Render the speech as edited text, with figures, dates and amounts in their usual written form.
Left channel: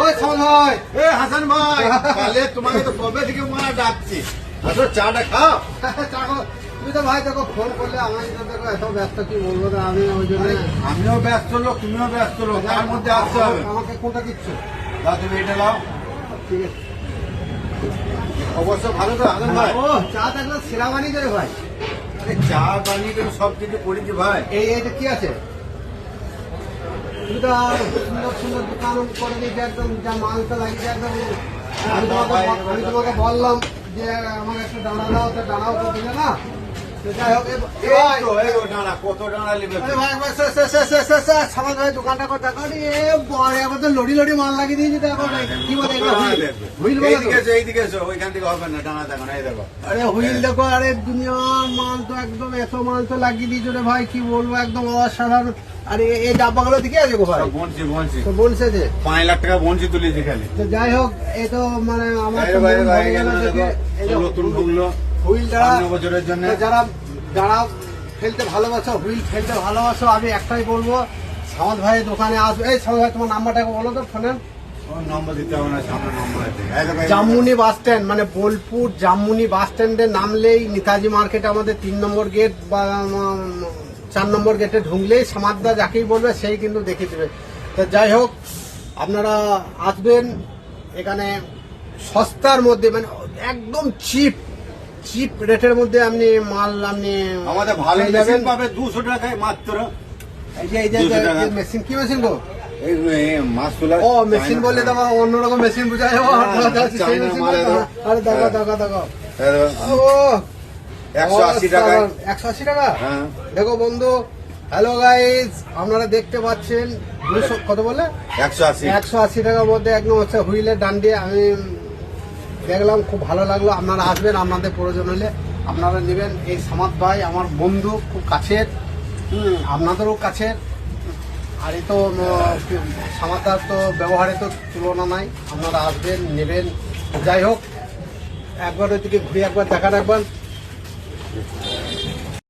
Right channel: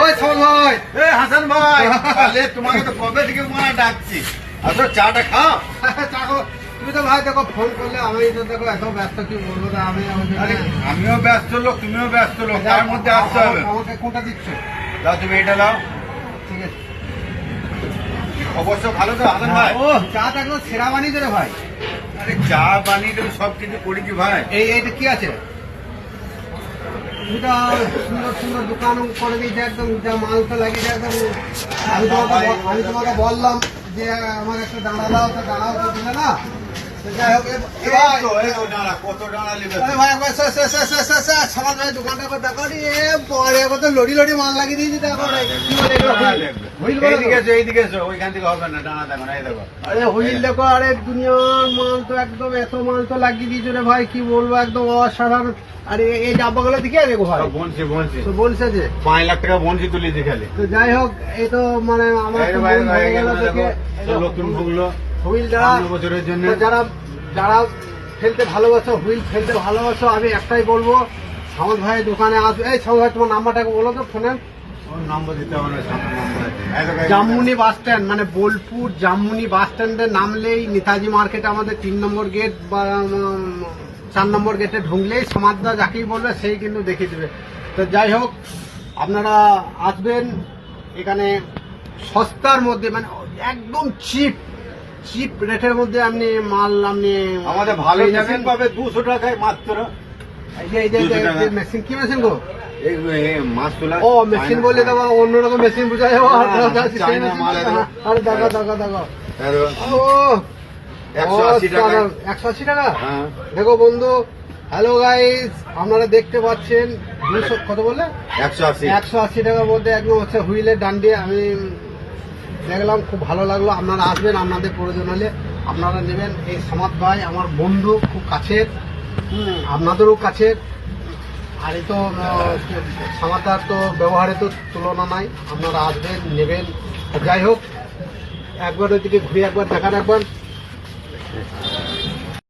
ওই শোন ভাই, এ হাসান ভাই, তাহলে তোমাকে তো কবে থেকে মনে ডাকছি, আসো চাটা খাও। চাকো, তুমি তো ভাই দেখো ফোন করলে, আমি তো দেখো এত ব্যস্ত, কি বলবো না, আমি ওই জন্য। আরে আমিও ব্যস্ত লোক, তুমিও ব্যস্ত লোক, তার মধ্যে আসতে হবে। আমাকে কোনটা দিচ্ছ? দাও তুমি এটা দাও। ঠিক আছে। অবশ্য ভালো তো হাসান ভাই। ও চা থাকলে সেরা বানিয়ে দেবে ভাই। আরে চা বানিয়ে তো সব কিছু করেছি ভাই। এইটা কি আছে? তুমি তো সুন্দর সুন্দর দোকান করে দিয়েছে, একদম যা মালটা লাগিয়েছে একদম। আমি তোমাকে বললাম যে আমার একটা দাঁড়া দাও, তো দাঁড়াও তো দিলে না। যাই হোক, এই তো ডাঁড়া, কত ডাঁড়া নেবে? আরে ভাই একবার সমাজ ভাই দোকানটা করে দেখো নি, পরে আবার তো লড়ি লড়ি মাল লাগিয়ে দিয়েছি। দেখো কি বলে হুইল বলে এইদিকে এসো, এইদিকে এসো, ওইখান থেকে হবে না, ডাঁড়া দেখো না, এই দেখো। আরে হুইল দেখো, আরে দুনিয়ার মাল তো একদম এত মাল তো লাগিয়ে দিয়েছো রে ভাই, কি বলবো, একদম অসাধারণ। আরে এই ডাব্বাগুলো দিকে আছে গো ভাই, সব বনছি বনছি, তো বলছে যে 5 লাখ টাকা বনছি তুলেছি খালি। তো যাই হোক, এই তো মানে আমার বাইরে বাইরে বাইরে গেল না, দেখো নতুন ঢুকলো হুইলটা 5 বছরের জন্য। যারা যারা ফেলতে ভালোবাসো, হুইল ফেলতে ভালোবাসো, আমি একটাই বলবো, সামন্ত ভাইয়ের দোকানে আসবে। এই সামন্ত ভাই, তোমার নাম্বারটাকে বলো তো ফোনে। ওর নম্বর দিতে হবে না, সামনে নম্বর আছে। এই দেখো, এই দেখো। জামুনি বাস স্ট্যান্ড, মানে বোলপুর জামুনি বাস স্ট্যান্ডে নামলেই নেতাজি মার্কেটে আমাদের 3 নম্বর গেট বা 4 নম্বর গেটে ঢুকলেই সমাজদা যাকেই বলবে সেই কিন্তু দেখিয়ে দেবে। তো যাই হোক, আপনারা আসবেন এখানে সস্তার মধ্যে, মানে একদম চিপ রেটের মধ্যে আপনি মাল আমাদের ভালো পেয়ে মেশিন পাবে 200 টাকায় মাত্র। এই যে 200 টাকা। মেশিন, কি মেশিন গো? এই মাছ তোলা। ও মেশিন বললে তো আবার অন্যরকম মেশিন বুঝা যাবো। চায়না মাল এলো। আরে দেখো এই দেখো, ও 180 টাকায়। 180 টাকা। হ্যাঁ। দেখো বন্ধু, হ্যালো গাইস, আপনারা দেখতে পাচ্ছেন 200 কত বলে 180। 180 টাকার মধ্যে একদম হচ্ছে হুইলের ডান্ডি। আমি দেখলাম, খুব ভালো লাগলো। আপনারা আসবেন, আপনাদের প্রয়োজন হলে আপনারা নেবেন। এই সামাদ ভাই আমার বন্ধু, খুব কাছের, আপনাদেরও কাছের। আর এই তো সামাদার তো ব্যবহারে তো তুলনা নাই। আপনারা আসবেন, নেবেন। যাই হোক, একবার ওইদিকে ঘুরে একবার দেখা রাখবেন।